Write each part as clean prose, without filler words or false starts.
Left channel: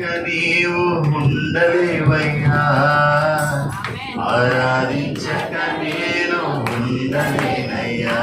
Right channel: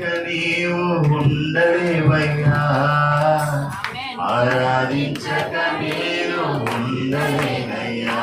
నీవు ఉండలేవయ్యా, ఆరాధించక నేను ఉండలేనయ్యా.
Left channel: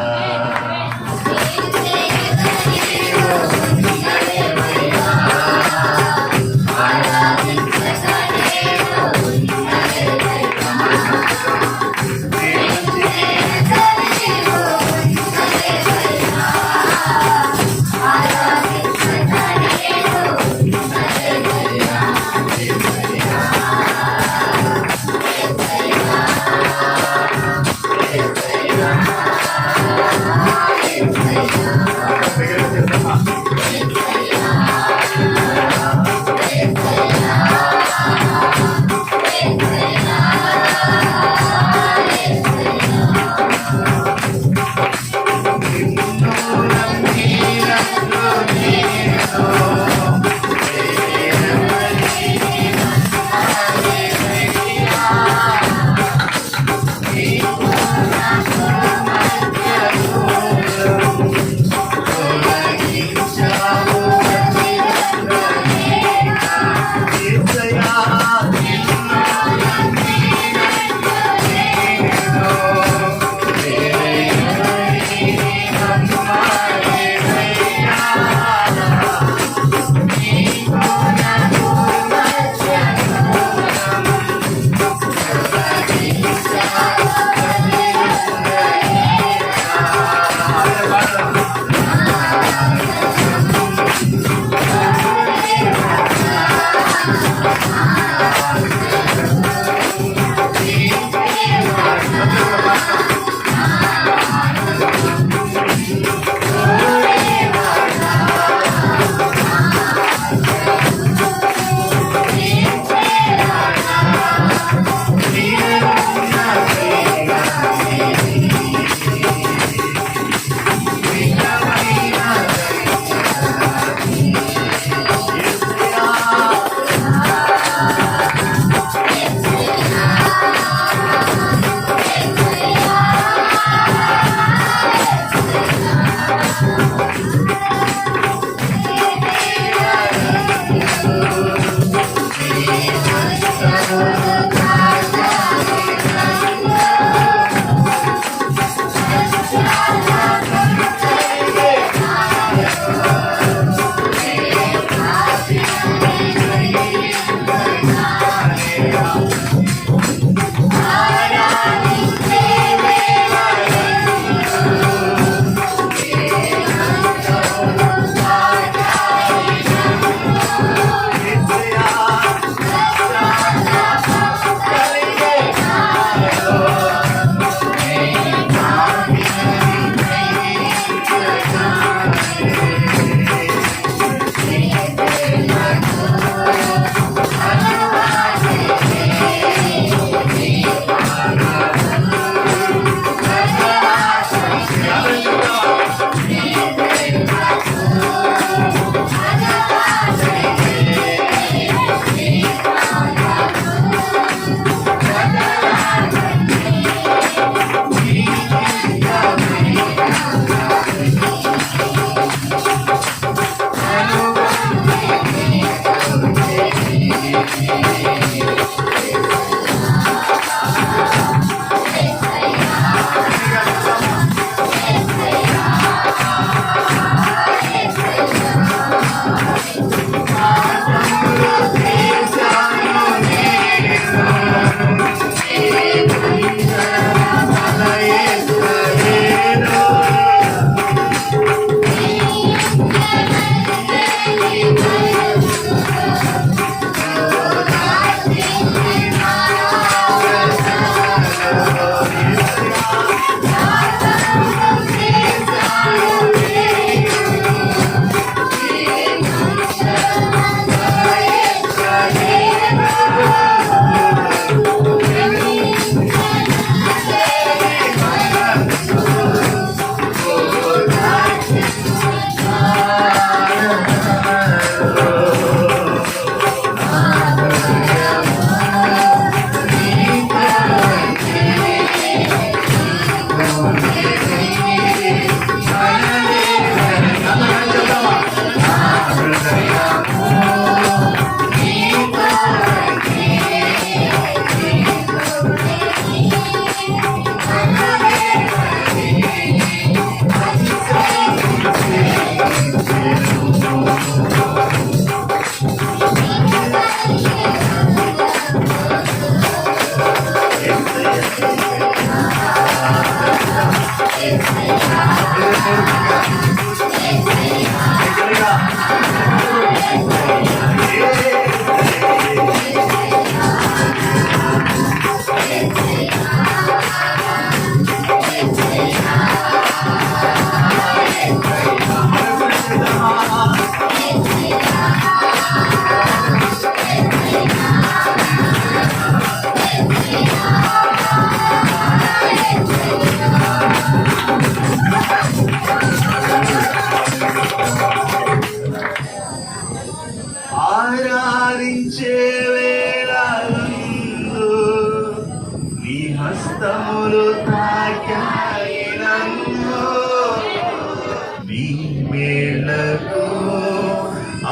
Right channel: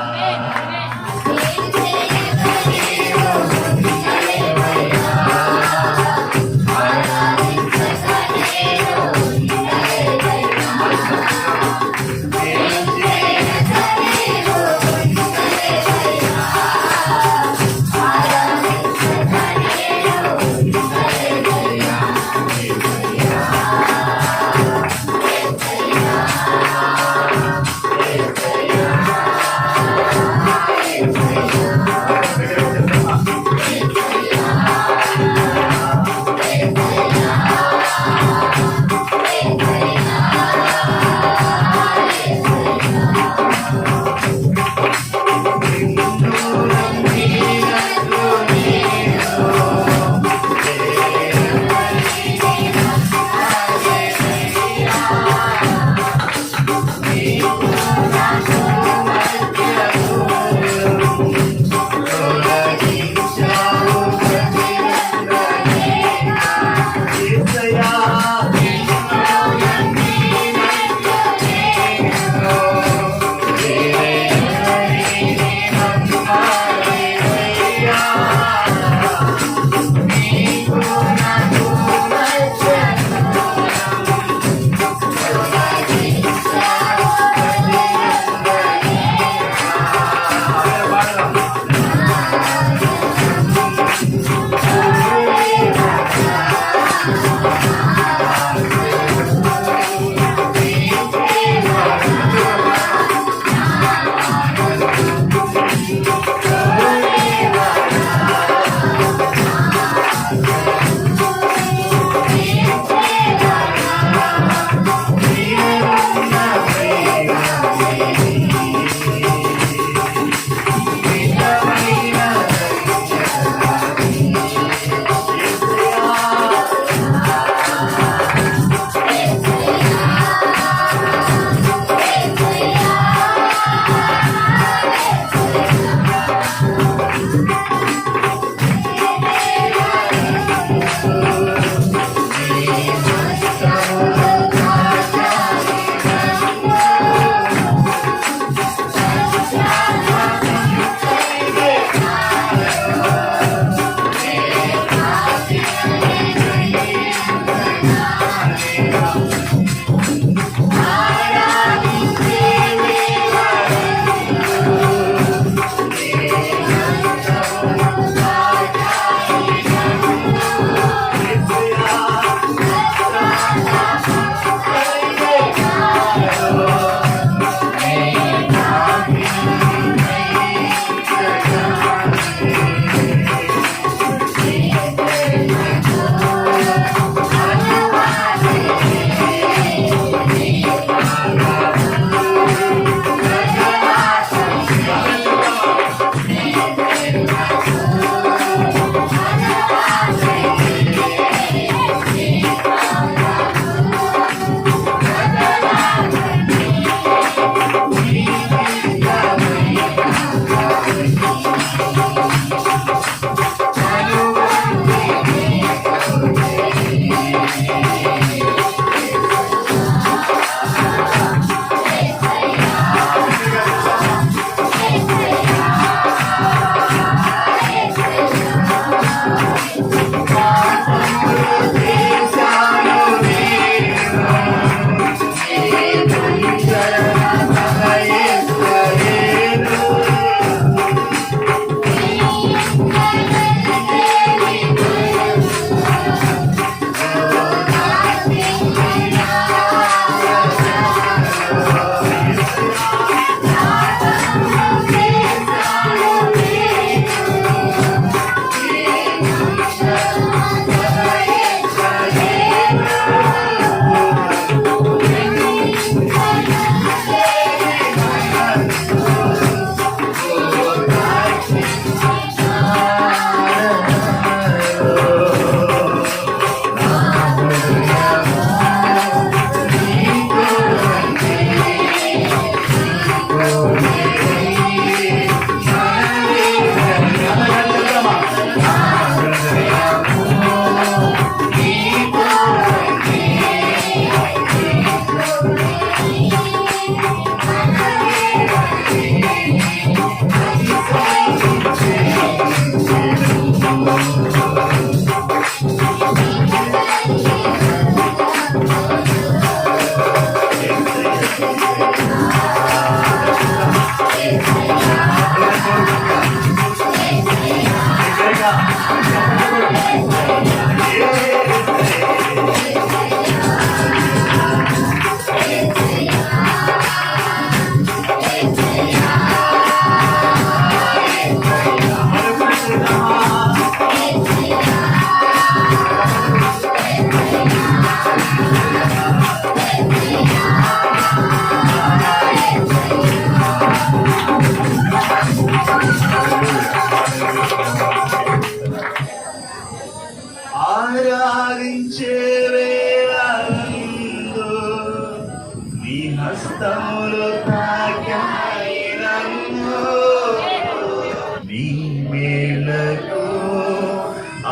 నీ మేలకు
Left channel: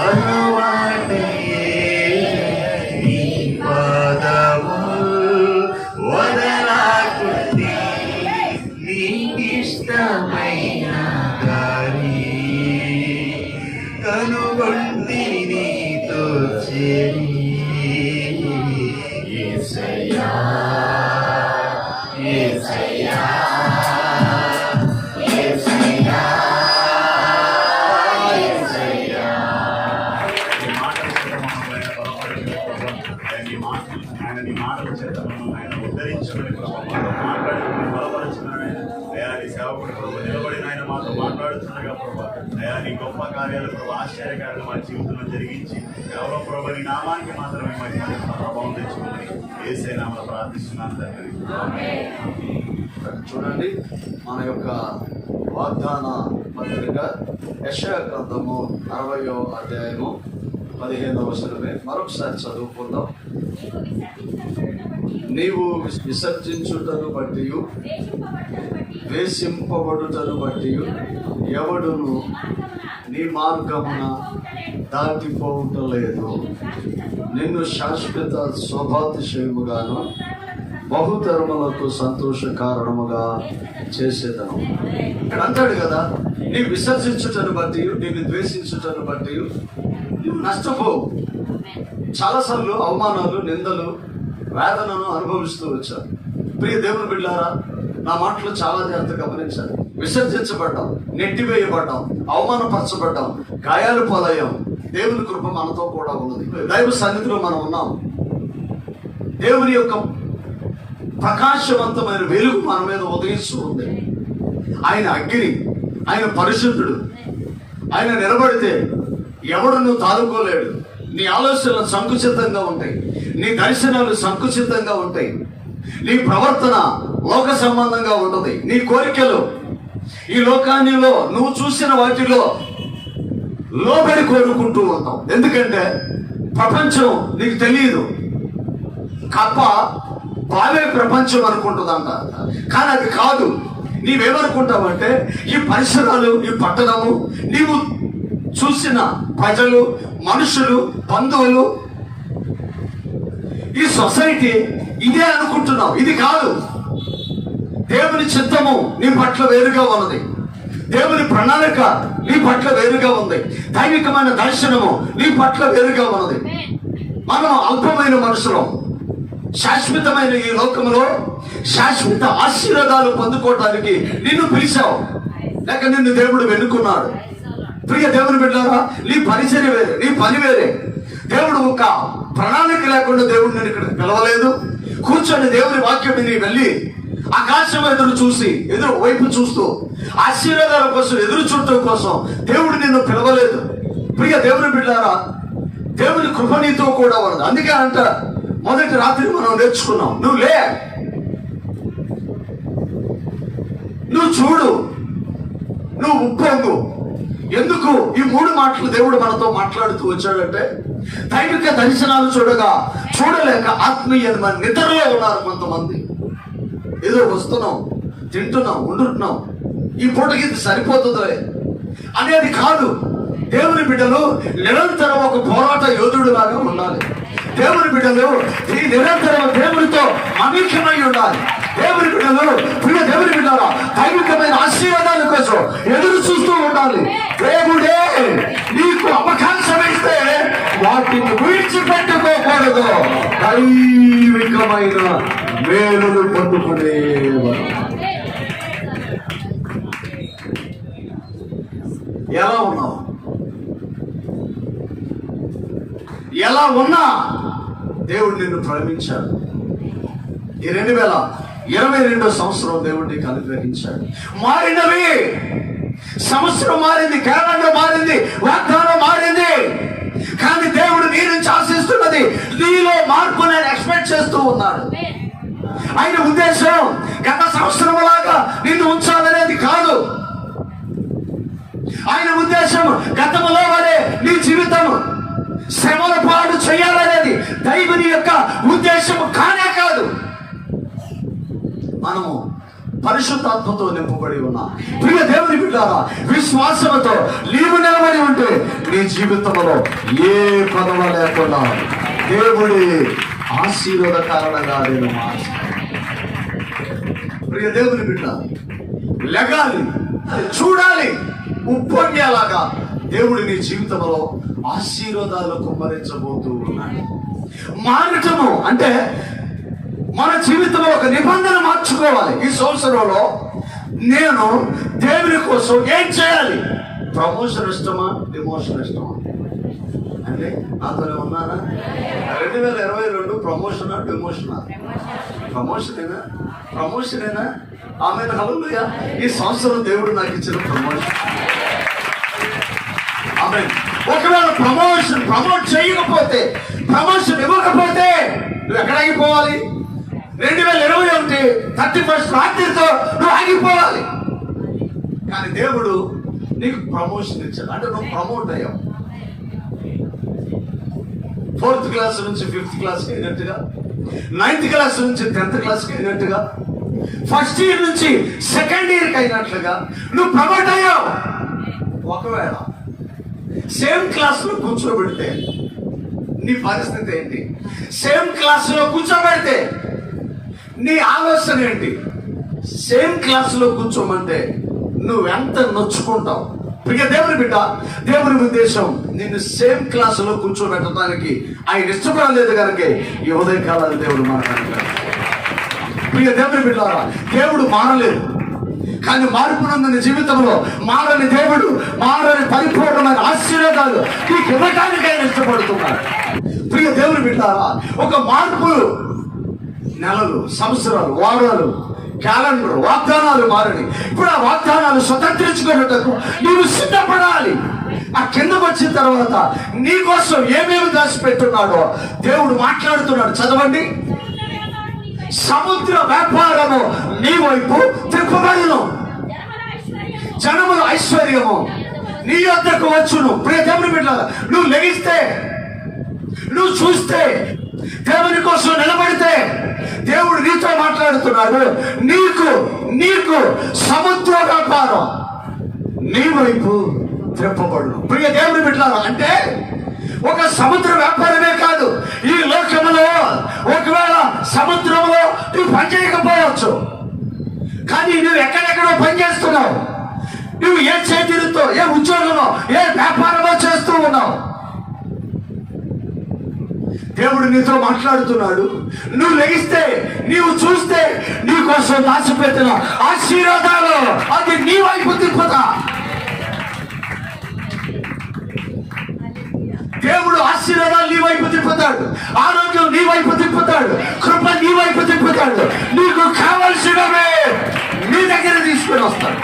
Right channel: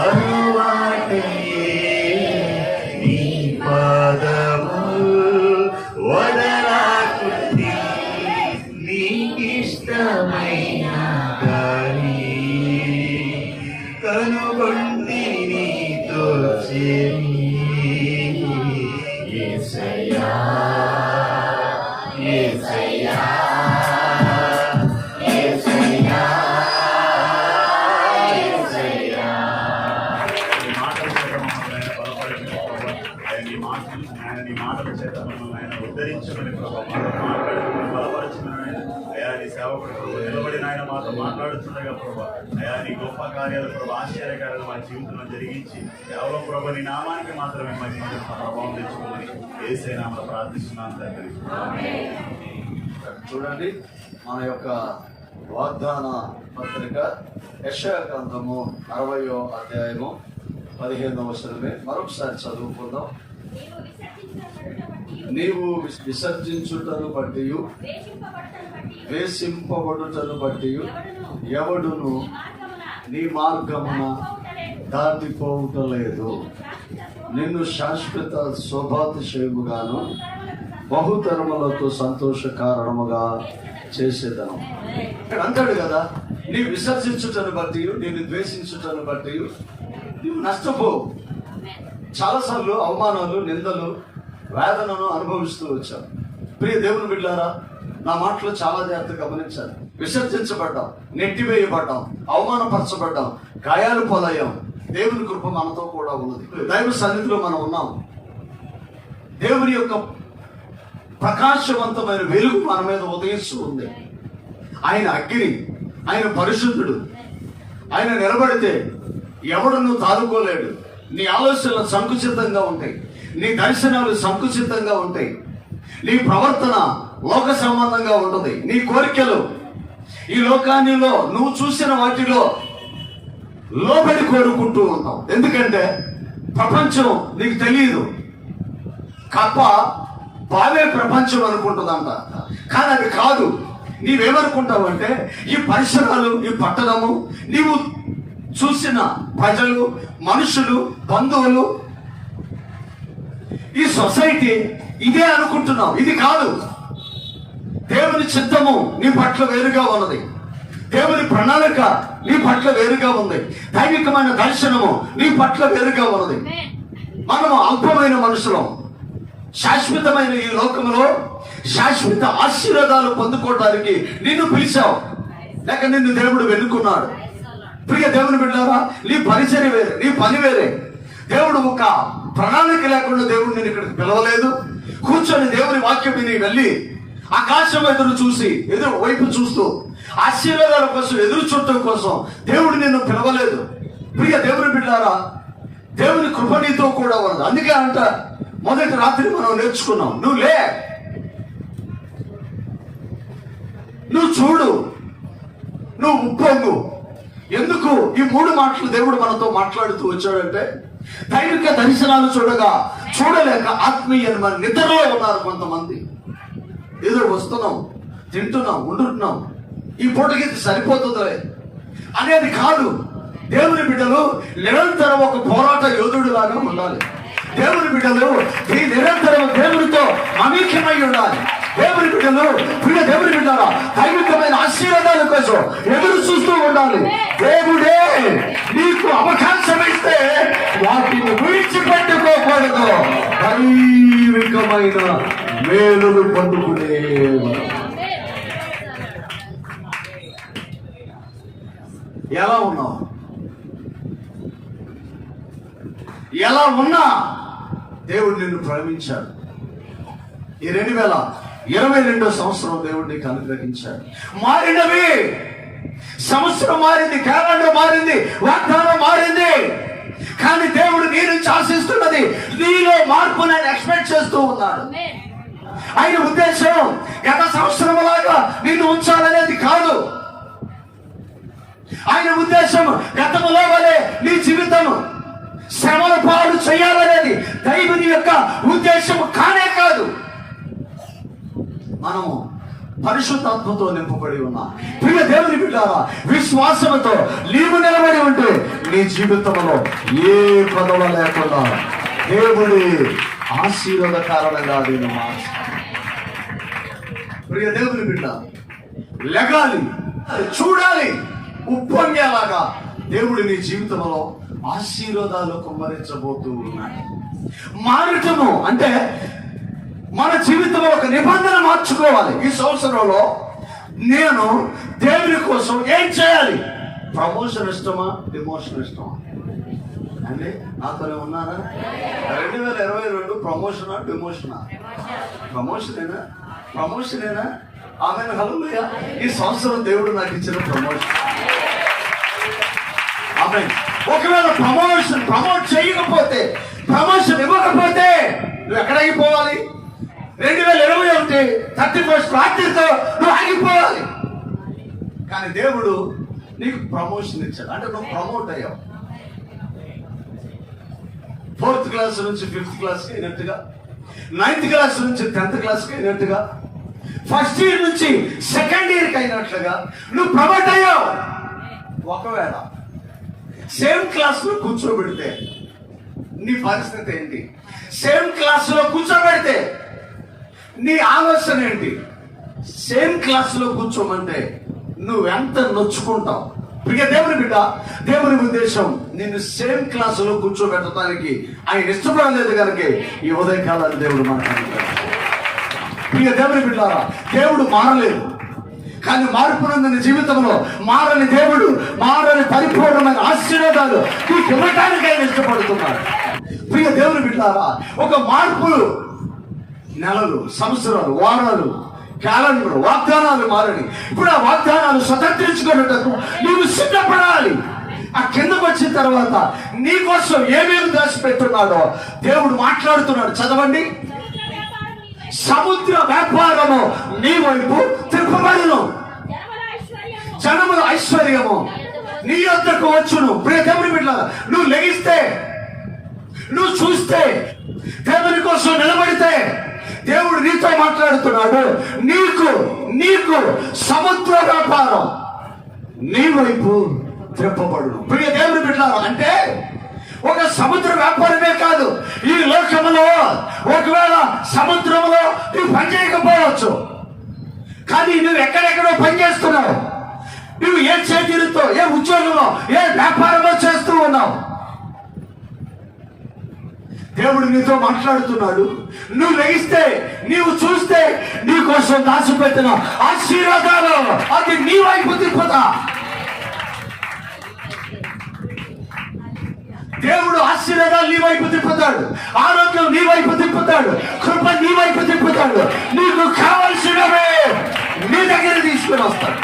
అలవాటయ్యే నీ పాదము వదలాకుంది నీకిష్టమైన గాలి కనుగొండి నీతో చేరి యేసయ్యా యేసయ్యా యేసయ్యా యేసయ్యా. నీ మాటల చేత మమ్మల్ని బలపరచండి ప్రభా. నీ మాటల చేత మమ్మల్ని ఉద్ధరించమని ప్రభా. మాట్లాడుకుని బలపరచమని అయా నీ సేవకుడు ప్రభు నిలబడిన ఆయన మాతో మాట్లాడుతుండగా ప్రభా. అయా నీ గొప్ప కార్యాలు ప్రభు ఆశ్చర్యకార్యాలు మా జీవితంలో జరిగించి కేవలం ప్రభు నీ నామానికి మాత్రమే మరి ప్రభావం తెచ్చుకుందని యేసే నామములో ప్రార్థిస్తున్నాను తండ్రి. చూడండి, మన యొక్క వాగ్దాన పత్రిక యెషయా గ్రంథము 60వ అధ్యాయము 15వ వచనమే మరొకసారి చదువుకుందాం. నీవు విసర్జించుటను బట్టి వేసింపబడుటను బట్టి ఎవడును నీ మార్గమున దాటిపోవటలేదు. నిన్ను శాశ్వత శోభాతిశయముగాను బహుతరములకు సంతోష కారణముగా చేసేదను అంటాడు కదా. నీ విసర్జించుటను బట్టి, నేను ద్వేషించుటను బట్టి నువ్వు నష్టపోవు. చాలాసార్లు అవమానాలు, నిందలు, వేదనను అనుభవిస్తూ వచ్చారు. ప్రియ దేవుని బిడ్డారా, నా మాటలు చాలా జాగ్రత్తగా గమనించాలి. విసర్జించబడ్డాం, నెట్టివేయబడ్డాం, అవమానపరచబడ్డాం, గాయాలు పాలయ్యాం. దేవుని కృప మనతో కూడా ఉన్నది. దైవ సన్నిధిలో మనం ఉన్నాం. దేవుని యొక్క ప్రకాశవంతమైన వెలుగు మన మీద ఉదయిస్తూ ఉంది. ఆయన అగ్ని, ఆయన పరిశుద్ధుడు. ఆయన నిలబడితే ఎవడను తాలుకోలేడు. నీ ఆలోచనలు సంకుచితంగా ఉంటాయి, నీ దర్శనాలు సంకుచితంగా ఉంటాయి, నీ ప్రవర్తన లోక సంబంధంగా ఉంటుంది. నీ కోరికలు ఈ లోకానిలో నువ్వు చూసిన వాటిలో లోబడి కోరుకుంటూ ఉంటావు. ఎందుకంటే ప్రపంచం నీకు తెలియదు. కప్ప బావే ప్రపంచం అనుకుంటుందంట, కానీ అది కాదు. నీవేమనుకుంటావు అంటే ఈ పరిసరాలు, ఈ పట్టణము, నీవు చూసిన ప్రజలు, మనుషులు, బంధువులు, ఈ సొసైటీ ఇదే అనుకుంటున్నావు. ఇది కాదు. దేవుని చిత్తము నీ పట్ల వేరుగా ఉన్నది. దేవుని ప్రణాళిక నీ పట్ల వేరుగా ఉంది. దైవికమైన దర్శనము నీ పట్ల వేరుగా ఉన్నది. మనం అల్పమైన మనుషులం. శాశ్వతమైన ఈ లోకంలో శాశ్వత ఆశీర్వాదాలు పొందుకోవడానికి నిన్ను పిలిచావు, లేక నిన్ను దేవుడు వెనుకున్నాడు. ప్రియ దేవుని బిడ్డారా, నీ పరిచర్య వేరే, నీ పని వేరే. దేవుడు ఒక ప్రణాళిక లేకుండా దేవుడు నేను ఇక్కడికి పిలవలేదు. కూర్చొని దేవుని వాక్యం నీ వెళ్ళి ఆకాశం ఎదురు వైపు చూస్తూ ఆశీర్వాదాల కోసం ఎదురు చూడటం కోసం దేవుడు నిన్ను పిలవలేదు. ప్రియ దేవుని బిడ్డారా, దేవుని కృప నీతో కూడా ఉన్నది. అందుకే అంట మొదటి రాత్రి మనం నేర్చుకున్నాం, నువ్వు లే, నువ్వు చూడు, నువ్వు ఉప్పొంగు. ఎందుకు ఈ 3 మాటలు దేవుడు మనతో మాట్లాడుతూ వచ్చాడంటే, దైవిక దర్శనాలు చూడలేక ఆత్మీయ నిద్రలో ఉన్నారు కొంతమంది. ఏదో వస్తున్నాం, తింటున్నాం, ఉంటున్నాం, ఈ పూటకి ఇది సరిపోతుందిలే అనేది కాదు. దేవుని బిడ్డలు నిరంతరం ఒక పోరాట యోధుడు లాగా ఉండాలి. దేవుని బిడ్డలు ఈ నిరంతరం దేవునితో మమేకమై ఉండాలి. దేవుని బిడ్డలు, ప్రియ దేవుని బిడ్డల దైవికమైన ఆశీర్వాదాల కోసం ఎదురు చూస్తూ ఉండాలి. దేవుడే నీకు అవకాశం ఇస్తే వాటిని విడిచిపెట్టుకోకూడదు. దైవికమైన మేలులు పొందుకునేవారు. ఎలా ఉన్నావు? ఎలా ఉన్నా దేవుడు నిన్ను ప్రేమించాడు. ఈ 2022 సంవత్సరం దేవుడు నీకు అనుగ్రహించాడు. మారినవి, సంవత్సరం మారింది, క్యాలెండర్ మారింది, వాగ్దానం మారింది. కానీ దేవుడు నీ నుంచి ఆశిస్తున్నది నీలో మార్పు నేను ఎక్స్పెక్ట్ చేస్తూ ఉన్నాడు. ఆయన ఉద్దేశం గత సంవత్సరం లాగా నిన్ను ఉంచాలనేది కాదు. ఆయన ఉద్దేశం గతంలో వలె నీ జీవితం శ్రమల పాలు చేయాలనేది దైవుని యొక్క ఉద్దేశం కానే కాదు. మనము పరిశుద్ధాత్మతో నింపబడి ఉన్నా. ప్రియ దేవుని బిడ్డారా, విశ్వాసంతో నీవు నిలబడి ఉంటే నీ జీవితంలో ఏ పదవ లేకుండా దేవుడి ఆశీర్వాద కారణంగా నేను ప్రియ దేవుని బిడ్డ లెగాలి, అది చూడాలి, ఉప్పొంగేలాగా దేవుడు నీ జీవితంలో ఆశీర్వాదాలు కుమ్మరించబోతూ ఉన్నాడు. మారటము అంటే మన జీవితంలో ఒక నిబంధన మార్చుకోవాలి. ఈ సంవత్సరంలో నేను దేవుని కోసం ఏం చేయాలి? ప్రమోషన్ ఇష్టమా, డిమోషన్ ఇష్టమా? అంటే నాతో ఉన్నారా? 2022 ప్రమోషనా, డిమోషనా? ప్రమోషనేనా? ఆమె హల్లెలూయా. ఈ సంవత్సరం దేవుడు నాకు ఇచ్చిన ప్రమోషన్. ఆమె ఒకవేళ ప్రమోట్ చేయకపోతే, ప్రమోషన్ ఇవ్వకపోతే నువ్వు ఎక్కడ ఆగిపోవాలి? 2021 31 రాత్రితో నువ్వు ఆగిపోవాలి. కానీ దేవుడు నీకు ప్రమోషన్ ఇచ్చాడు అంటే నువ్వు ప్రమోట్ అయ్యావు. 4th క్లాస్ నుంచి 5th క్లాస్కి అయినట్టుగా, 9th క్లాస్ నుంచి 10th క్లాస్కి అయినట్టుగా, ఫస్ట్ ఇయర్ నుంచి 2nd ఇయర్కి అయినట్లుగా నువ్వు ప్రమోట్ అయ్యావు. ఒకవేళ సేమ్ క్లాస్ లో కూర్చోబెడితే నీ పరిస్థితి ఏంటి? సేమ్ క్లాస్ లో కూర్చోబెడితే నీ ఆలోచన ఏంటి? సేమ్ క్లాస్ లో కూర్చోమంటే నువ్వెంత నొచ్చుకుంటావు? ప్రియ దేవుని బిడ్డ, దేవుని ఉద్దేశం నిన్ను సేమ్ క్లాస్ లో కూర్చోబెట్టడానికి ఆయన ఇష్టపడలేదు కనుక ఈ ఉదయకాలాన్ని దేవుడు మాట్లాడుతున్నాడు. ప్రియ దేవుని బిడ్డ, దేవుడు మారలేదు, కానీ మార్పునందుని జీవితంలో మారని దేవుడు, మారని పరిపూర్ణమైన ఆశీర్వాదాలు నీకు ఇవ్వడానికి ఆయన ఇష్టపడుతున్నాడు. ప్రియ దేవుని బిడ్డారా, ఒక మార్పు నెలలు, సంవత్సరాలు, వారాలు, క్యాలెండర్, వాగ్దానాలు మారని. ఇప్పుడు ఆ వాగ్దానాలు స్వతంత్రించుకునేటప్పుడు నీవు సిద్ధపడాలి. ఆ కిందకు వచ్చిన తర్వాత నీ కోసం ఏమేమి దాచిపెట్టున్నాడో దేవుడు మాట్లాడుతున్నాడు. చదవండి. సముద్ర వ్యాపారము నీ వైపు త్రిప్పబడును, జనముల ఐశ్వర్యము నీ యొద్దకు వచ్చును. ప్రియ దేవుని బిడ్డలారా, నువ్వు లెగిస్తే, నువ్వు చూస్తే, దేవుని కోసం నిలబడితే దేవుడు నీతో మాట్లాడుతున్నాడు. నీకు సముద్ర వ్యాపారం నీ వైపు త్రిప్పబడును. ప్రియ దేవుని బిడ్డలారా, అంటే ఒక సముద్ర వ్యాపారమే కాదు, ఈ లోకంలో ఒకవేళ సముద్రంలో నువ్వు పనిచేయకపోవచ్చు, కానీ నువ్వు ఎక్కడెక్కడో పనిచేస్తున్నావు. నువ్వు ఏ చేతితో, ఏ ఉద్యోగంలో, ఏ వ్యాపారంలో చేస్తూ ఉన్నావు. దేవుడు నీతో మాట్లాడుతున్నాడు. నువ్వు లెగిస్తే, నీవు చూస్తే నీ కోసం దాచిపెట్టిన ఆశీర్వాదాలు అది నీ వైపు తిప్పుతా. దేవుడు ఆశీర్వాదాలు నీ వైపు తిప్పుతాడు, ఆరోగ్యం నీ వైపు తిప్పుతాడు, కృప నీ వైపు తిప్పుతాడు. నీకు కావలసినవే నీ దగ్గర తీసుకుని వస్తాడు.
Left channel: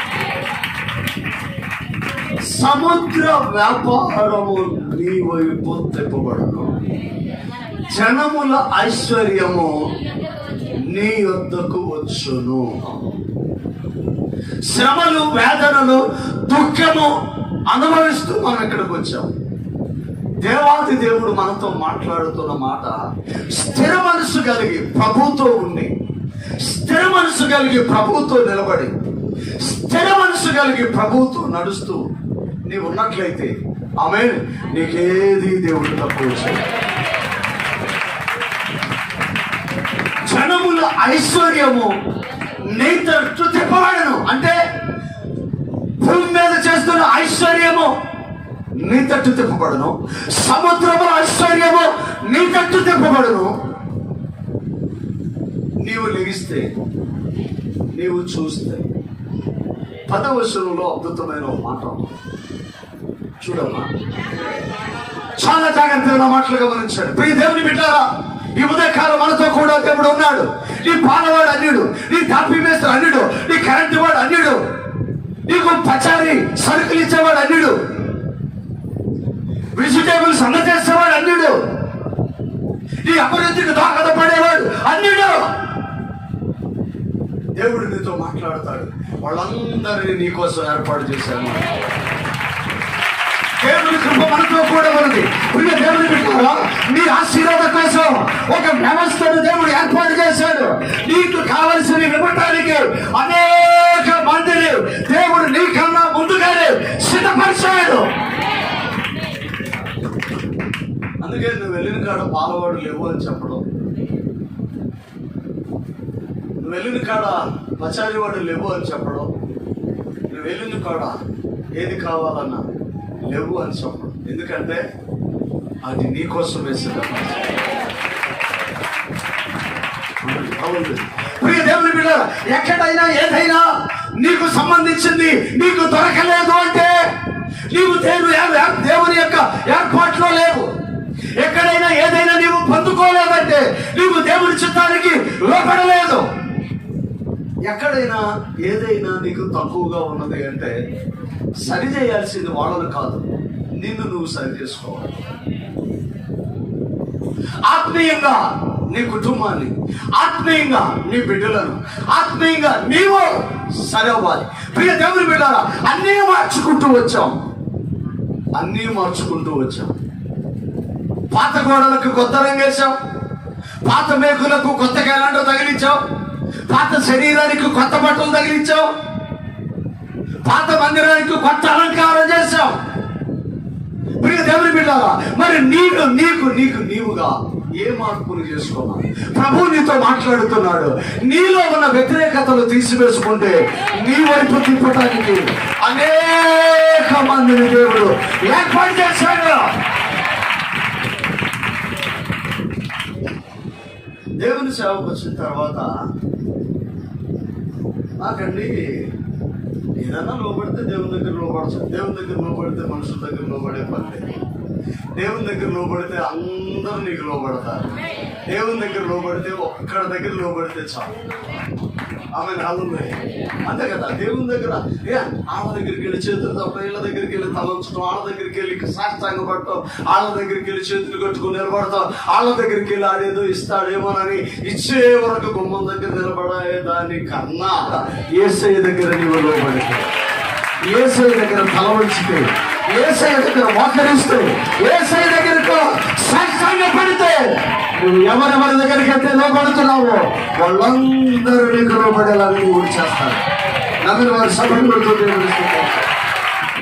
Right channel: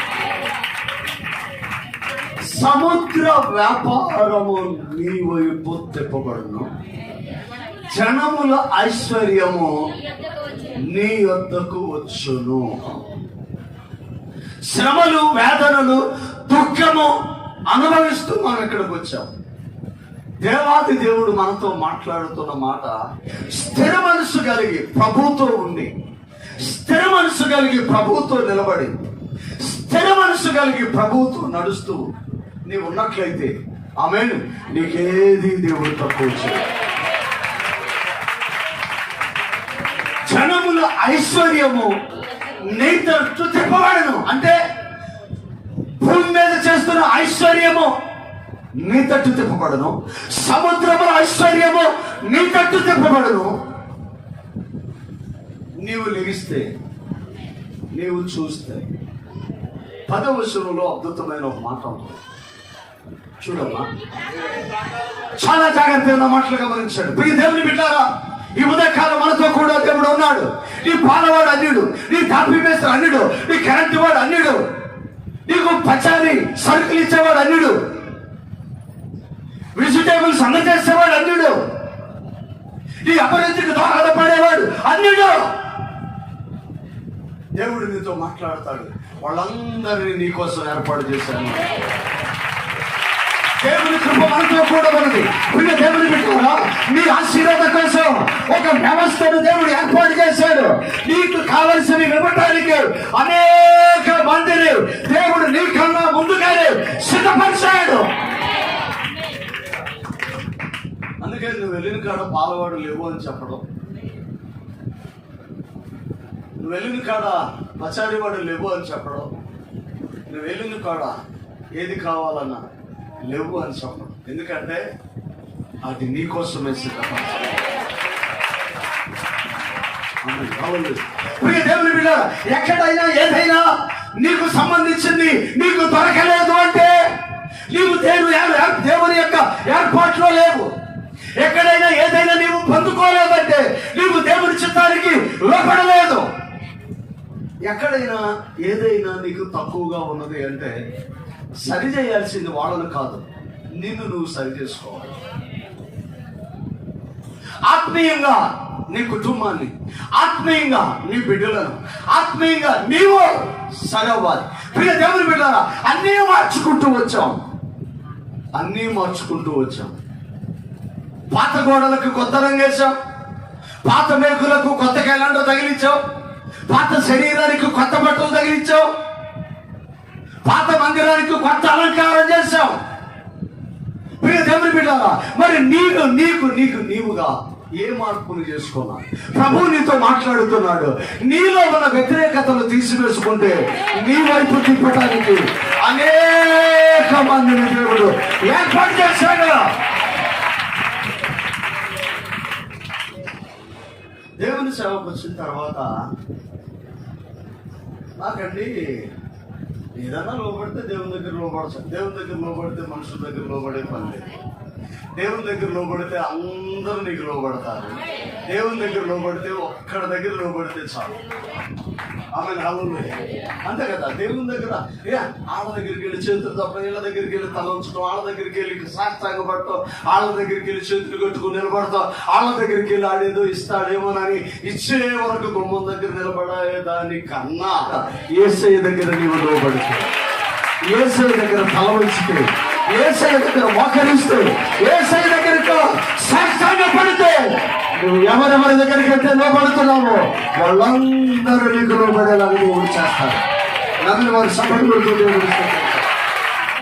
సముద్ర వ్యాపారము నీ వైపు తిప్పబడను, జనముల ఐశ్వర్యము నీ వద్దకు వచ్చును. శ్రమలు, వేదనలు, దుఃఖము అనుభవిస్తూ మనం ఇక్కడికి వచ్చాం. దేవాది దేవుడు మనతో మాట్లాడుతున్న మాట, స్థిర మనసు కలిగి ప్రభుతో ఉండి, స్థిర మనసు కలిగి ప్రభుతో నిలబడి, స్థిర మనసు కలిగి ప్రభుతో నడుస్తూ నీవు ఉన్నట్లయితే ఆమేన్, నీకేది దేవుడు తక్కువ చేయడు. జనముల ఐశ్వర్యము నీ తట్టు తిప్పబడను, అంటే భూమి మీద చేస్తున్న ఐశ్వర్యము నీ తట్టు తిప్పబడను, సముద్రము ఐశ్వర్యము నీ తట్టు తిప్పబడను. నీవు లెగిస్తే, నీవు చూస్తే. 10వ వచనంలో అద్భుతమైన ఒక మాట చూడమ్మా, చాలా జాగ్రత్తగా మాటలు గమనించాడు. ప్రియ దేవుని బిడ్డారా, ఈ ఉదయకాలం మనతో కూడా దేవుడు ఉన్నాడు. నీ పాలవాడు అన్యుడు, నీ తాపీ మేస్త్రి అన్యుడు, నీ కరెంటు వాడు అన్యుడు, నీకు పచారి సరుకులు ఇచ్చేవాడు అన్యుడు, వెజిటేబుల్స్ అందజేసేవాడు అన్యుడు, నీ అభివృద్ధికి దోహదపడేవాడు అన్యుడు. దేవుడు నీతో మాట్లాడతాడు. వాళ్ళందరినీ నీ కోసం ఏర్పాటు చేశాను. దేవుని కృప మనతో కూడా ఉన్నది. ప్రియ దేవుని బిడ్డలారా, నీ ఆశీర్వాద కోసం ఒక వ్యవస్థను దేవుడు ఏర్పాటు చేశాడు. నీకు కావలసినవి ఇవ్వటానికి అనేక మందిని దేవుడు నీకన్నా ముందుగానే సిద్ధపరిచాడు. అందుకే నువ్వు వెళ్ళిన కాడ పాలవాడు లేవు అని చెప్పడం, నువ్వు వెళ్ళిన కాడ పచారివాడు లేవు అని చెప్పడం, నువ్వు వెళ్ళిన కాడ ఏది కావాలన్నా లేవు అని చెప్పడం. ఎందుకంటే అది నీకోసం వేసేటప్పుడు. దేవుని బిడ్డ, ఎక్కడైనా ఏదైనా నీకు సంబంధించింది నీకు దొరకలేదు అంటే నీవు దేవుని యొక్క ఏర్పాట్లో లేవు. ఎక్కడైనా ఏదైనా నీవు పొందుకోలేదంటే నీవు దేవుని చిత్తానికి లోపడలేదు. ఎక్కడైనా ఏదైనా నీకు తక్కువగా ఉన్నది అంటే సరి చేయాల్సింది వాళ్ళను కాదు, నిన్ను నువ్వు సరి చేసుకోవాలి. ఆత్మీయంగా నీ కుటుంబాన్ని, ఆత్మీయంగా నీ బిడ్డలను, ఆత్మీయంగా నీవు సరవాలి. ప్రియ దేవుని బిడ్డలారా, అన్నీ మార్చుకుంటూ వచ్చాం. పాత గోడలకు కొత్త రంగేశాం, పాత మేకులకు కొత్త క్యాలెండర్ తగిలించాం, పాత శరీరానికి కొత్త బట్టలు తగిలించాం, పాత మందిరానికి కొత్త అలంకారం చేశాం. ప్రియ దేవుని బిడ్డలారా, మరి నీవుగా ఏ మార్పును చేసుకోవాలి? ప్రభు నీతో మాట్లాడుతున్నాడు. నీలో ఉన్న వ్యతిరేకతలు తీసివేసుకుంటే నీ వైపు తిప్పటానికి అనేక మందిని దేవుడు ఏర్పాటు చేశాడు. దేవుని సేవకు వచ్చిన తర్వాత నాకండి ఏదైనా లోబడితే దేవుని దగ్గర లోబడచ్చు, దేవుని దగ్గర లోబడితే మనుషుల దగ్గర లోబడే పని, దేవుని దగ్గర లోబడితే అందరూ నీకు లోబడతారు. దేవుని దగ్గర లోబడితే ఒక్కడి దగ్గర లోబడితే చాలు. ఆమె అంతే కదా. దేవుని దగ్గర ఆళ్ళ దగ్గరికి వెళ్ళి చేతులు తప్ప, ఇళ్ళ దగ్గరికి వెళ్ళి తల ఉంచడం, ఆళ్ళ దగ్గరికి వెళ్ళి సాష్టాంగ పడటం, ఆళ్ళ దగ్గరికి వెళ్ళి చేతులు కట్టుకుని నిలబడతాం, ఆళ్ళ దగ్గరికి వెళ్ళి ఆడేదో ఇస్తాడేమోనని ఇచ్చే వరకు గుమ్మం దగ్గర నిలబడే దాని కన్నా యేసయ్య దగ్గర నీవు లోబడితే, యేసయ్య దగ్గర తల ఉంచితే, యేసయ్య దగ్గర మోకరిస్తూ, యేసయ్య దగ్గరకు సాష్టాంగ పడితే, నువ్వు ఎవరెవరి దగ్గరికి అయితే లోపడుతున్నావో వాళ్ళందరూ నీకు లోపడేలాగా నువ్వు చేస్తారు. నమ్మిన వారి సభ్యులతో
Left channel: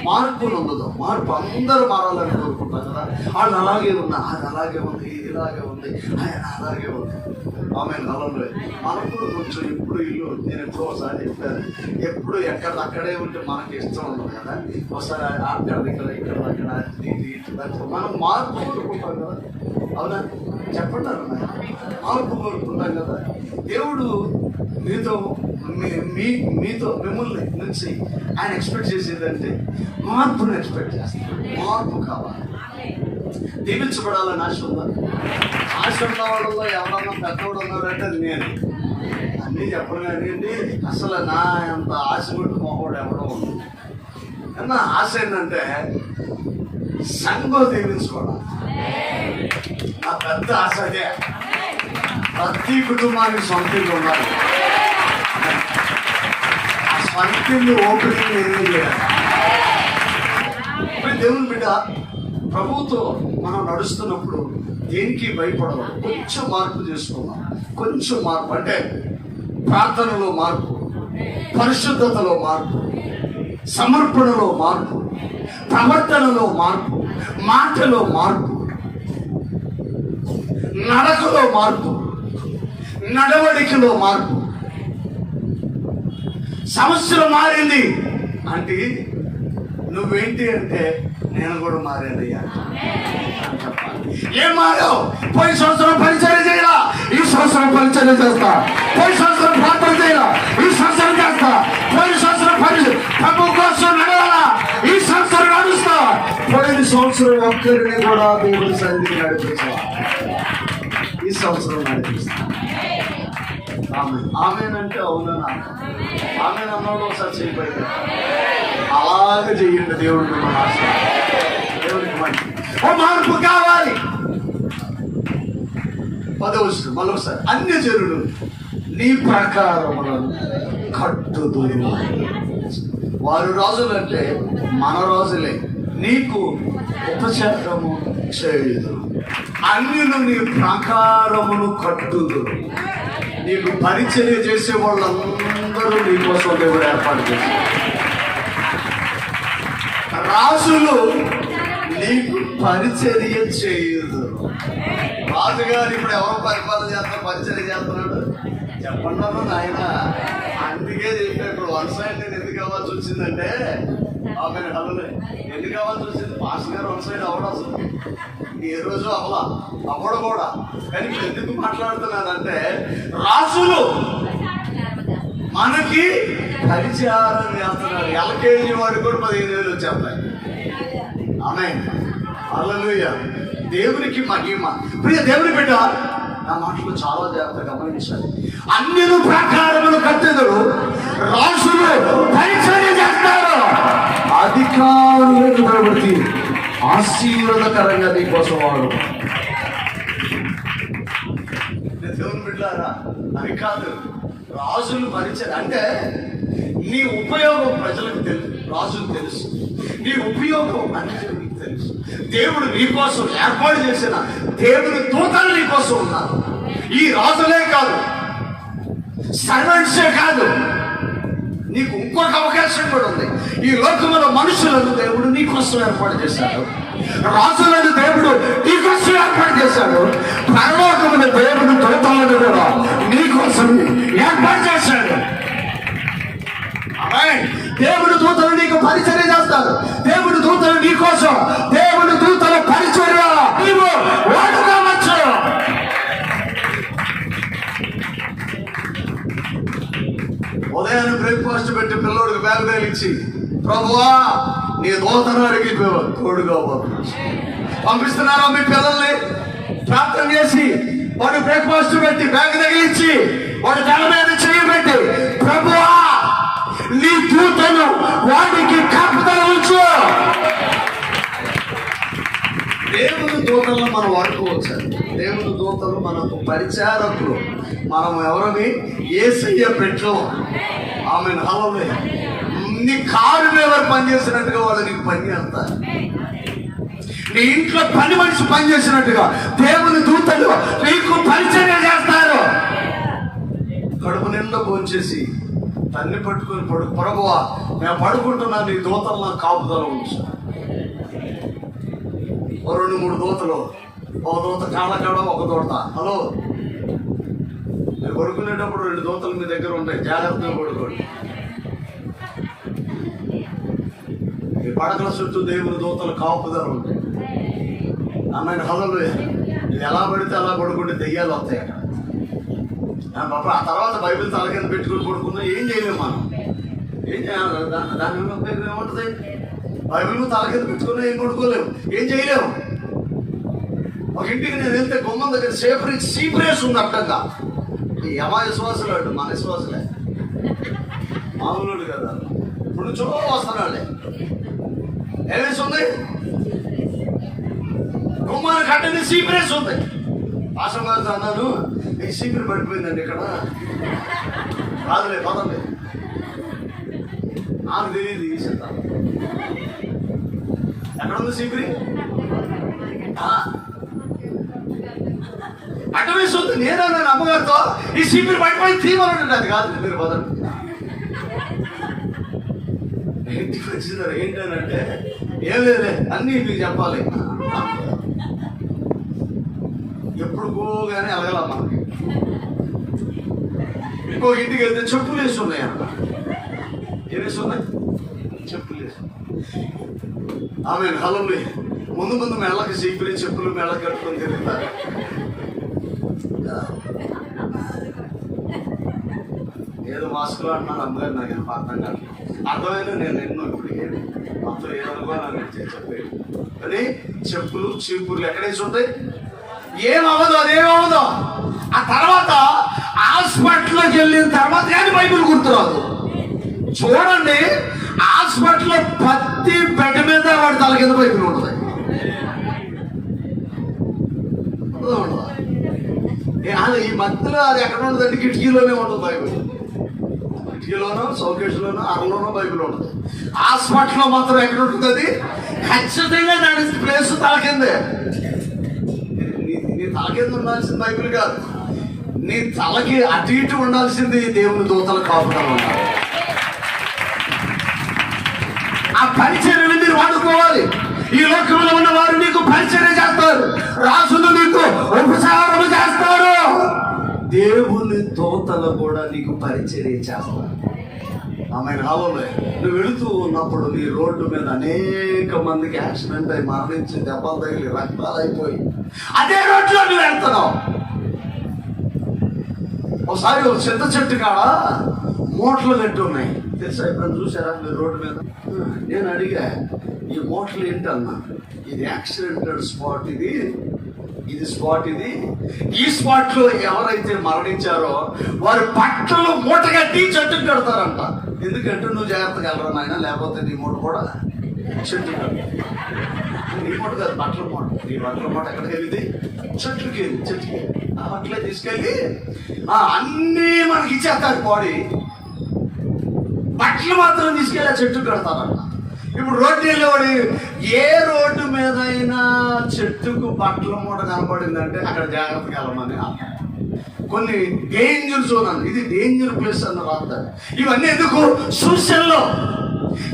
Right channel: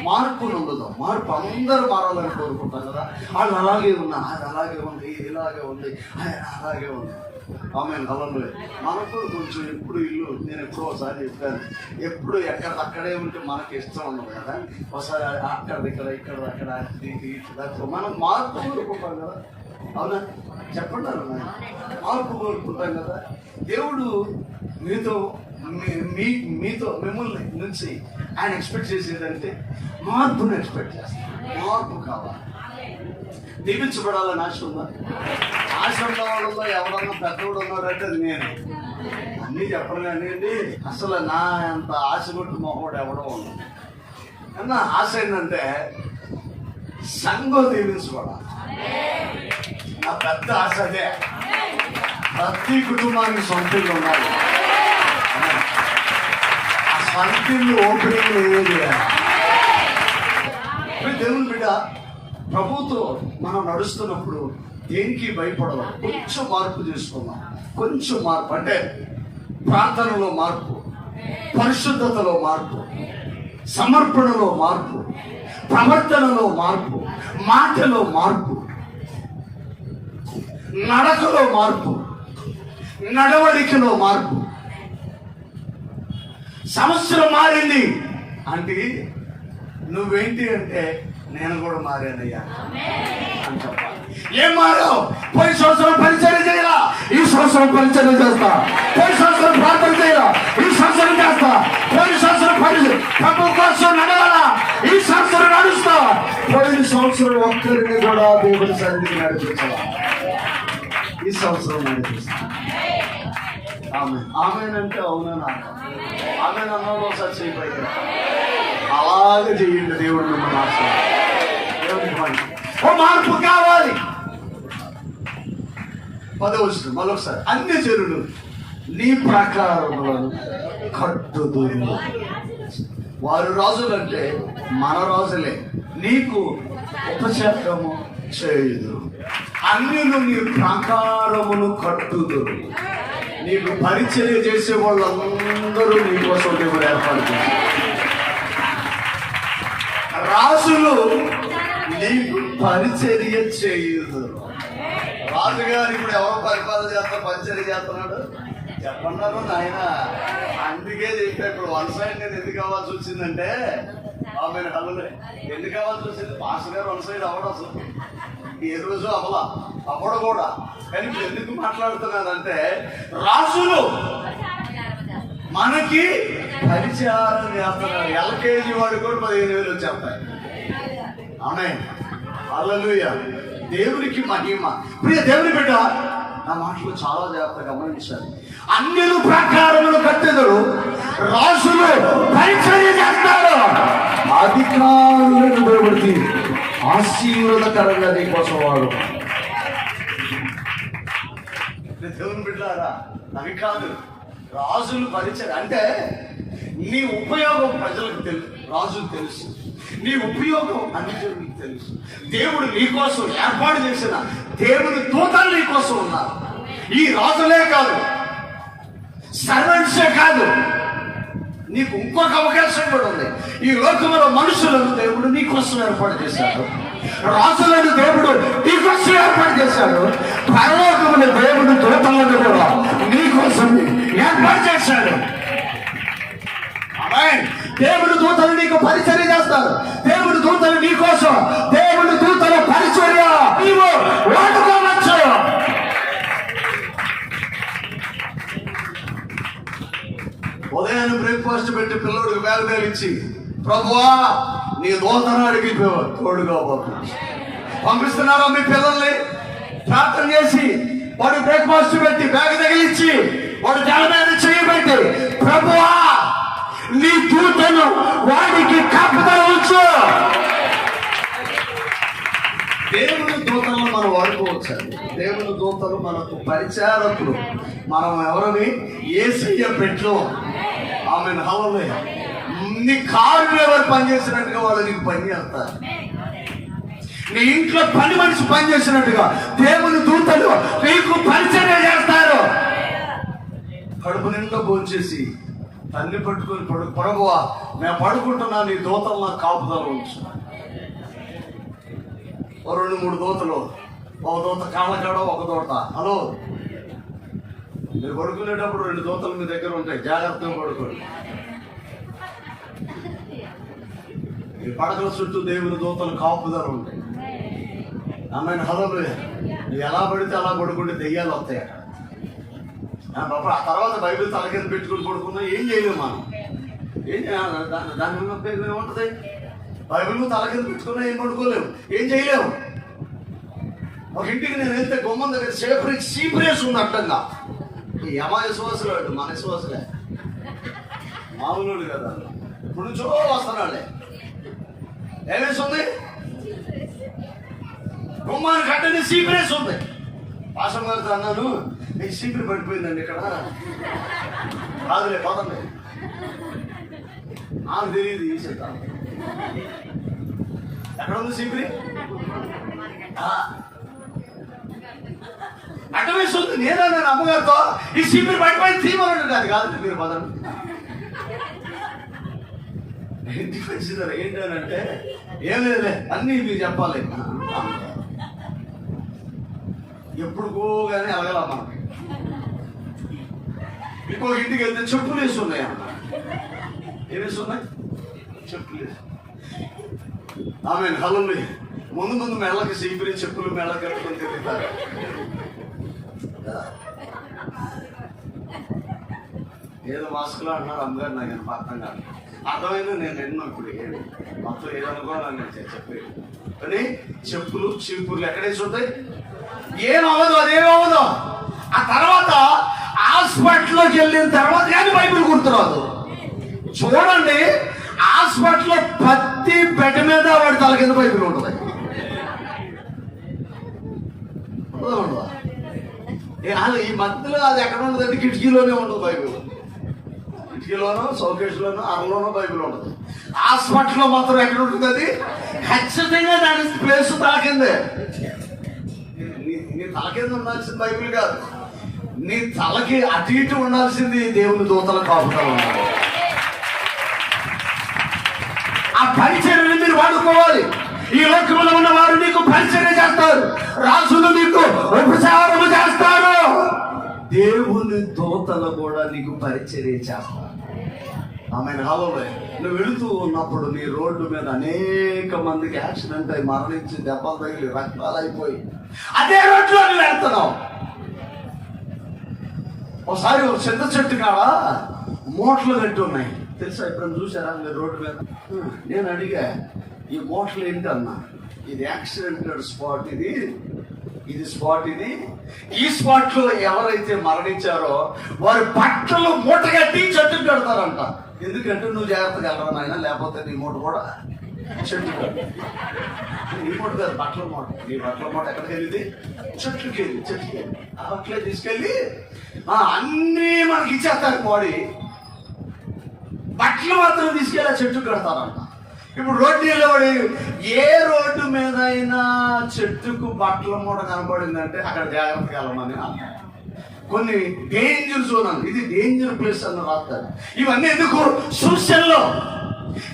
మార్పు నొందుదాం. మార్పు అందరూ మారాలని కోరుకుంటాం కదా. వాళ్ళు అలాగే ఉన్నా, అది అలాగే ఉంది, ఇది ఇలాగే ఉంది, అలాగే ఉంది. ఆమె నలంలో మనకు కొంచెం ఇప్పుడు ఇల్లు నేను ఎక్కువసారి చెప్పాను, ఎప్పుడు అక్కడే ఉంటే మనకి ఇష్టం ఉండదు కదా. ఒకసారి ఇక్కడ మనం మార్పు కోరుకుంటాం కదా. అవునా? చెప్పండి అన్న, మార్పు కోరుకుంటాం కదా. దేవుడు మిమ్మల్ని నుంచి ఆయన ఎక్స్పెక్ట్ చేసేదంటే మార్పును ఎక్స్పెక్ట్ చేస్తాడు. మార్పు కావాలి. దీవించబడాలని ఆశ ఉందా? ఆశ ఉన్న వాళ్ళలో ఎవరన్నా పెద్దవాడు ఉన్నారంటే నేను అన్నీ చెప్పడం కానివ్వండి. అసలు నా అంత ఆశ కొట్టు మొహోడు ఎవడో ఉంది. అన్న ఆశ ఏంటంటే సంఘం దీవించబడాలి. నా పెద్ద ఆశ అదే. ప్రతి కుటుంబానికి సొంత ఇల్లు ఉండాలి. సొంత ఇల్లు ఓపెనింగ్ ఏదో చేయాలి. దేవుని బిడ్డ, ప్రభుత్వం మనం నడుస్తున్నప్పుడు దేనికి భయపడవాలి. కొంచెం మార్పు చేసుకున్నాం. కొంచెం మార్పు అంటే ప్రార్థనలో మార్పు, పరిశుద్ధతలో మార్పు, సమర్పణలో మార్పు, ప్రవర్తనలో మార్పు, మాటలో మార్పు, నడకలో మార్పు, నడవడికలో మార్పు. సంవత్సరం మారింది అంటే నువ్వేంటి అంటే నేను కూడా మారానయ్యా అని చెప్పాలి. ఏం మారావు? పోయి సంవత్సరం పరిచయం చేయాలా, ఈ సంవత్సరం పరిచయం చేస్తా. పోయి సంవత్సరం ప్రార్థన చేయాలా, ఈ సంవత్సరం చేస్తా. పోయి సంవత్సరం ప్రభు కోసం నడవాలా, ఈ సంవత్సరం నడుస్తా. పోయిన సంవత్సరం ఒక్కరిని కూడా దేవుడి సన్నిధికి నడిపించాలా, ఈ సంవత్సరం నడిపిస్తా. ఆమెనంటే అవునా? ఆమె అన్నాడు ఒకసారి చేయిపోయి అలాగే చెయ్యండి. దేవుడికి మార్పు కావాలి. 10వ వచనం మరొకసారి, అన్య జనులు నీ ప్రకారములను కట్టుదురు. వారు రాజులంటే మన రాజులే, నీకు ఉపచారము చేయుదు, అన్యులు నీ ప్రాకారమును కట్టుదురు. నీకు పరిచర్య చేసే వాళ్ళందరూ నీకోసం దేవుడు ఏర్పాటు చేశారు. రాజులు నీకు పరిచర్య చేయుదురు. రాజుగారు ఇప్పుడు ఎవరు పరిపాలన చేస్తున్నారు, పరిచర్య చేస్తున్నాడు చెప్పన్నారు నాయన. అందుకే చెప్పాడు వన్ సైడ్ నేను ఎందుకు అవ్వాల్సి వచ్చిందంటే ఆమె హల్లులే ఎందుకు అవ్వాల్సి వచ్చింది. మాస్టర్ గారు వన్ సైడ్ అవ్వడం అసలు ఏ రోజు అవ్వడం కూడా. కానీ ఎందుకు మాట్లాడుతున్నానంటే రాజులు మనకి పరిచారం చేస్తున్నారు. ఎల్కేజీ వాడు కూడా 15,000 వచ్చేస్తాయి. ఆమె హల్లెలూయా, దేవునికి మహిమ. ప్రియ దేవుని బిడ్డ, నా మాటలు చాలా జాగ్రత్తగా గమనించాలి. అన్ని ప్రకారములు కట్టెదరు, రాజులు పరిచర్య చేస్తారు, అధికారులను నిలబెట్టి ఆశీర్వాదకరంగా నీకోసం వాడు. దేవుని బిడ్డారా, అవి కాదు రాజులు పరిచర్య అంటే నీ ఉపయోగం ప్రజలకు తెలుసు, రాజులకు తెలుసు. నీ ఉపయోగం అన్నిటికీ తెలుసు. దేవుడు నీకోసం ఏర్పాటు చేసిన దేవుని దూతలు నీకోసం ఉన్నారు. ఈ రాజులే కాదు, సర్వెంట్సే కాదు, నీకు ఇంకొక అవకాశం కూడా ఉంది. ఈ లోకంలో మనుషులను దేవుడు నీకోసం ఏర్పాటు చేశాడు, రాజులను దేవుడు నీకోసం ఏర్పాటు చేశాడు, పరలోకమున దేవుడు దూతలను కూడా నీకోసం ఏర్పాటు చేశాడు. దేవుడు దూతలు నీకు పరిచర్య చేస్తారు. దేవుడు దూతలు నీకోసం, దేవుడు దూతల పరిచర్య నీవు వాడుకోవచ్చు. ఉదయాన్నే బ్రేక్ఫాస్ట్ పెట్టి పిల్లడికి బ్యాగ్ తగిలించి ప్రభువా నీ దూతను అడిగి తోడుగా పంపిస్తున్నారా మీ పిల్లల్ని ప్రార్థన చేసి వాడు బ్రేక్ఫాస్ట్ పెట్టి బ్యాగ్ తగిలించి వాడు తల మీద చేయబెట్టి ప్రభువా నీ దూతను వాడికి కాపుదల ఉంచు. దేవుని దూతలను మనం వాడుకోవచ్చు. దేవుని దూతలు మనకు పరిచారకులు. మనం ఎవరిని యేసయ్య పెట్టు. ఆమె హల్లెలూయా. నీ కారు మీద పనిచేసినట్టుగా వాళ్ళు నీకు పని చేస్తారు. నీ ఇంట్లో పని మనిషి పనిచేసినట్టుగా దేవుని దూతలు నీకు పరిచర్య చేస్తారు. కడుపు నిండా భోంచేసి తల్లి పట్టుకుని ప్రభువా నేను పడుకుంటున్నా, నీ దూతలు నాకు కాపుదల ఉంచు. 2-3 దూతలు, ఒక దూత కాళ్ళకాడ, ఒక దూత హలో మీరు పడుకునేటప్పుడు 2 దూతలు మీ దగ్గర ఉంటాయి, జాగ్రత్తగా పడుకోండి. ఈ పడకల చుట్టూ దేవుని దూతలు కాపుదల ఉంటాయి. అన్నని హల్లెలూయా. నువ్వు ఎలా పడితే అలా పడుకుంటే దెయ్యాలు వస్తాయి అక్కడ. ఆ తర్వాత బైబిల్ తల కింద పెట్టుకుని పడుకున్నా ఏం చేయలేము మనం. ఏం దాని ఏముంటుంది, బైబిల్ తల కింద పెట్టుకున్నా ఏం పడుకోలేము, ఏం చేయలేము. ఒక ఇంటికి నేను వెళ్తే గుమ్మం దగ్గర సీప్రేస్ ఉంది అడ్డంగా. యమ విశ్వాసులు అటు మన విశ్వాసులే, మామూలు కదా. ఇప్పుడు చూ వస్తున్నాళ్ళే ఏమేసి ఉంది, గుమ్మానికి అడ్డంగా సీప్రేస్ ఉంది. పాసం గారితో అన్నాను, ఈ సీపీ పడిపోయిందండి ఇక్కడ, రాదులే పదండి. నాకు తెలియదు ఈ చెప్తాను ఎక్కడ ఉంది సీపీ, అడ్డమేస్తుంది. నేనన్నా అమ్మగారితో ఈ సీపీ పడిపోయి తీయమని, అది కాదు మీరు పదండి. ఇంటికి వచ్చిందారు ఏంటంటే ఏం లేదే అన్నీ మీకు చెప్పాలి. ఎప్పుడు పోగానే అలగల మనకి. ఇంకొక ఇంటికి వెళ్తే చెప్పులు వేసి ఉన్నాయి అక్కడ. ఏమేసి ఉన్నాయి, చెప్పులు వేసి. ఆమె హల్లెలూయా. ముందు మెళ్ళకి సీపులు చెప్పులు మెళ్ళ కట్టుకొని తిరుగుతారు. ఏదో మాస్కులు అంటున్నారు అందరూ, నాకు అర్థం కాదు. అర్థమైనా నేను ఎన్నో ఇప్పుడు ఏమి మొత్తం ఏదనుకోవాలని నేను చెప్పేది. కానీ చెప్పులు చీపుర్లు ఎక్కడేసి ఉంటాయి, ఏమవ్వదు, అదేమవ్వదు. ఆ తర్వాత హాస్పిటల్లోకి వెళ్ళిన తర్వాత కానీ బైబిల్ గుర్తురాదు. చూడండి, హాస్పిటల్లో ప్రతి బెడ్ మీద వాడి తల కింద బైబిల్ ఉంటుంది. ఈ మధ్యలో అది ఎక్కడ ఉంటుందంటే కిటికీలోనే ఉంటుంది బైబిల్. కిటికీలోనో షోకేస్లోనో అరలోనో బైబిల్ ఉంటుంది. హాస్పిటల్లో మాత్రం ఎక్కడ ఉంటుంది అది? ఖచ్చితంగా దాని ప్లేస్ తాకింది. నీ తలకింద ఉండాల్సింది బైబిల్ కాదు, నీ తలకి అటు ఇటు ఉండాల్సింది దేవుని దూతల కాపుదల. ఆ పరిచర్యను మీరు వాడుకోవాలి. ఈ లోకంలో ఉన్న వారు నీకు పరిచర్య చేస్తారు, రాజులు నీకు ఉపచారము చేస్తారు, దేవుని దూతలు కూడా నీకు పరిచర్య చేస్తారు. ఆమె రావాలి. నువ్వు వెళుతూ ఉన్నప్పుడు నీ రోడ్డు మీద అనేక మందికి యాక్సిడెంట్ అయి మరణించి దెబ్బలు తగిలి రక్తాలు అయిపోయి అదే రోడ్లో నువ్వు వెళ్తున్నావు. ఒకసారి ఒక చింత చెట్టు కాడ మూటలు కట్టి ఉన్నాయి తెలుసా? ఇప్పుడు చూసారా మీరు రోడ్డు మీద? నేను అడిగా, ఈ మూటలు ఏంటన్నా? ఇది యాక్సిడెంటెడ్ స్పాట్, ఇది స్పాట్. ఈ స్పాట్ లో ఎవరైతే మరణించారో వారు బట్టలు మూట కట్టి చెట్టుకు కడతారంట. ఎందుకంటే నువ్వు జాగ్రత్తగా వెళ్ళరా నాయన, లేకపోతే నీ మూట కూడా చెట్టు కడతా. నీ మూట కాదు, బట్టల మూట. నీ బట్టల మూట ఎక్కడికి వెళ్ళింది? చెట్టుకి అట్లే తీసుకెళ్ళి అన్నీ మనకి ఇచ్చేస్తారు. బాడీ బట్టలు మాత్రం తీసుకెళ్ళి చెట్టు కడతారంట. ఇప్పుడు రోడ్డు నిలబడి ఏ రోడ్డు మీద అయినా చెట్టుకు బట్టల మూట కనపడిందంటే అక్కడ జాగ్రత్తగా వెళ్ళమని. కొన్ని డేంజర్ జోన్ అని, ఇది డేంజర్ ప్లేస్ అని రాస్తారు. ఇవన్నీ ఎందుకు? సూచనలో.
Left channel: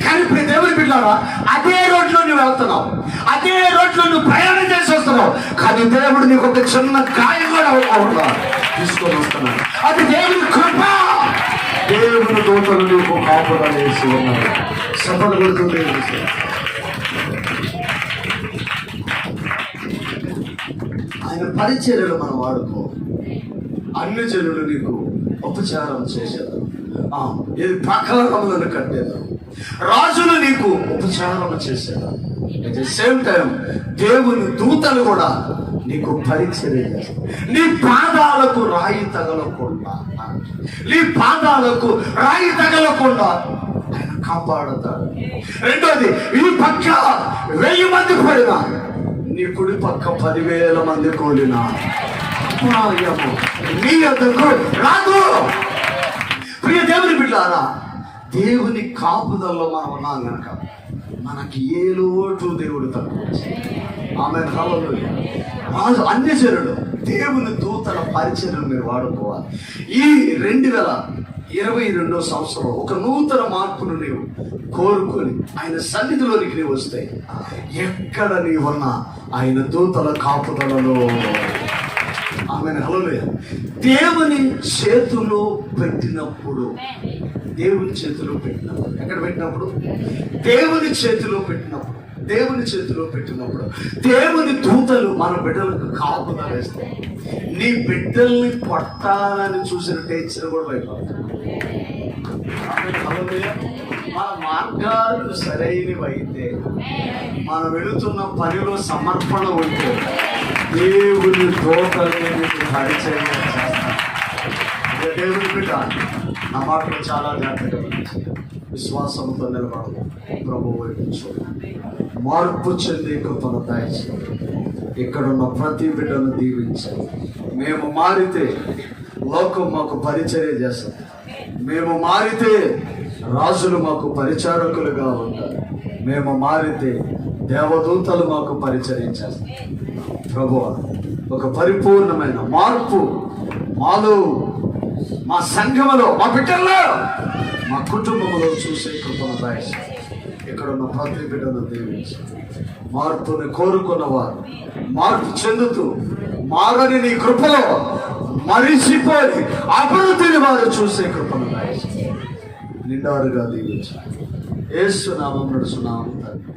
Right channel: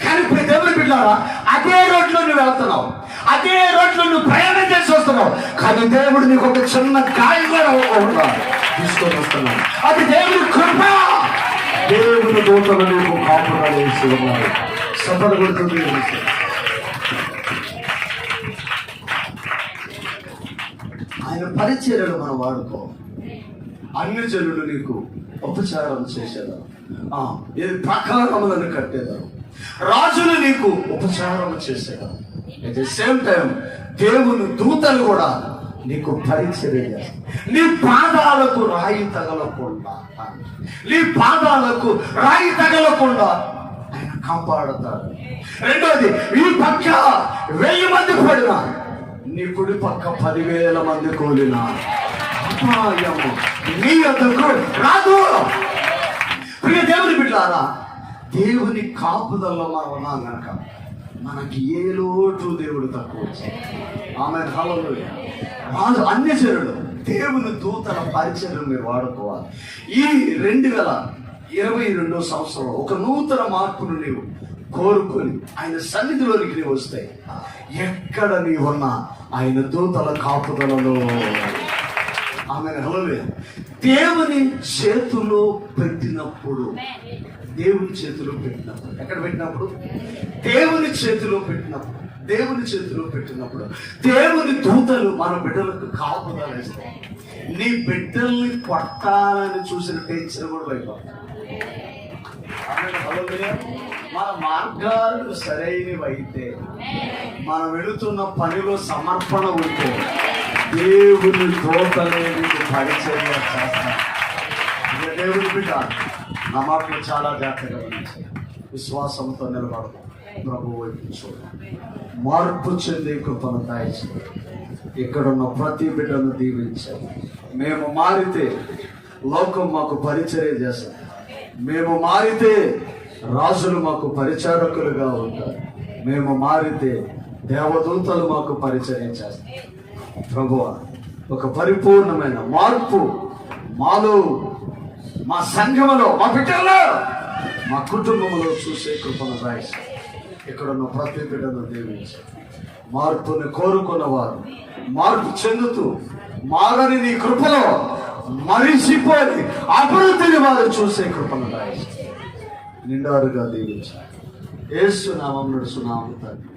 కానీ దేవుని బిడ్డలారా, అదే రోడ్లో నువ్వు వెళ్తున్నావు, అదే రోడ్లో నువ్వు ప్రయాణం చేసి వస్తున్నావు, కానీ దేవుడు నీకు ఒక చిన్న గాయం కూడా తీసుకొని వస్తున్నాడు. అది దేవుని కృప. దేవుని దూతలు నీకు కాపుదల వేసి ఉన్నారు. సఫల పెడుతుంది. ఆయన పరిచర్యలు మనం వాడుకో. అన్ని జనులు నీకు ఉపచారం చేసేదాం, ఇది ప్రకారములను కట్టేదాం, రాజులు నీకు ఉపచారం చేసేదాం. అట్ ద సేమ్ టైం దేవుని దూతలు కూడా నీకు పరిచర్య చేస్తారు. నీ పాదాలకు రాయి తగలకుండా, నీ పాదాలకు రాయి తగలకుండా ఆయన కాపాడతాడు. రెండోది, ఈ పక్క 1000 మంది పడినా, నీ కుడి పక్క 10,000 మంది కూలినా నీ యొద్దకు రాదు. ప్రియ దేవుని బిడ్డలారా, దేవుని కాపుదల్లో మనం ఉన్నాం కనుక మనకి ఏ లోటు దేవుడు తక్కువ. ఆమె హల్లెలూయా. రాజు అన్యజనుడు దేవుని దూతల పరిచర్యను మీరు వాడుకోవాలి. ఈ 2022 సంవత్సరం ఒక నూతన మార్పును నీవు కోరుకొని ఆయన సన్నిధిలోనికి నీవు వస్తే, ఎక్కడ నీవున్నా ఆయన దూతల కాపుదలలో. ఆమె హల్లెలూయా. దేవుని చేతిలో పెట్టినప్పుడు, దేవుని చేతిలో పెట్టినప్పుడు, ఎక్కడ పెట్టినప్పుడు? దేవుని చేతిలో పెట్టినప్పుడు. దేవుని చేతిలో పెట్టినప్పుడు దేవుని దూతలు మన బిడ్డలకు కాపుదల వేస్తాయి. నీ బిడ్డల్ని కొట్టాలని చూసిన టేచర్ కూడా లేదు. మన మార్గాలు సరైనవైతే, మనం వెళుతున్న పనిలో సమర్పణ ఉంటే దేవుని దూతలు పరిచయం చేస్తారు. దేవుని బిడ్డ నా మాటలు చాలా జాగ్రత్తగా విశ్వాసంతో నిలబడదు. ప్రభువు వైపు చూడండి. మార్పు చెందే కృపను దయచేయండి. ఇక్కడున్న ప్రతి బిడ్డను దీవించాలి. మేము మారితే లోకం మాకు పరిచర్య చేస్తారు. మేము మారితే రాజులు మాకు పరిచారకులుగా ఉంటారు. మేము మారితే దేవదూతలు మాకు పరిచర్య చేస్తారు. ప్రభువా, ఒక పరిపూర్ణమైన మార్పు మాలో, మా సంఘంలో, మా బిడ్డల్లో, మా కుటుంబంలో చూసే కృపను దయచేయండి. ఇక్కడున్న ప్రతి బిడ్డను దీవించి మార్పుని కోరుకున్నవారు మార్పు చెందుతూ మారని నీ కృపలో మరిసిపోయి అభివృద్ధిని వారు చూసే కృపను దయచేయండి. నిండారుగా దీవించి యేసు నామమున నడుచున్నాము తండ్రి.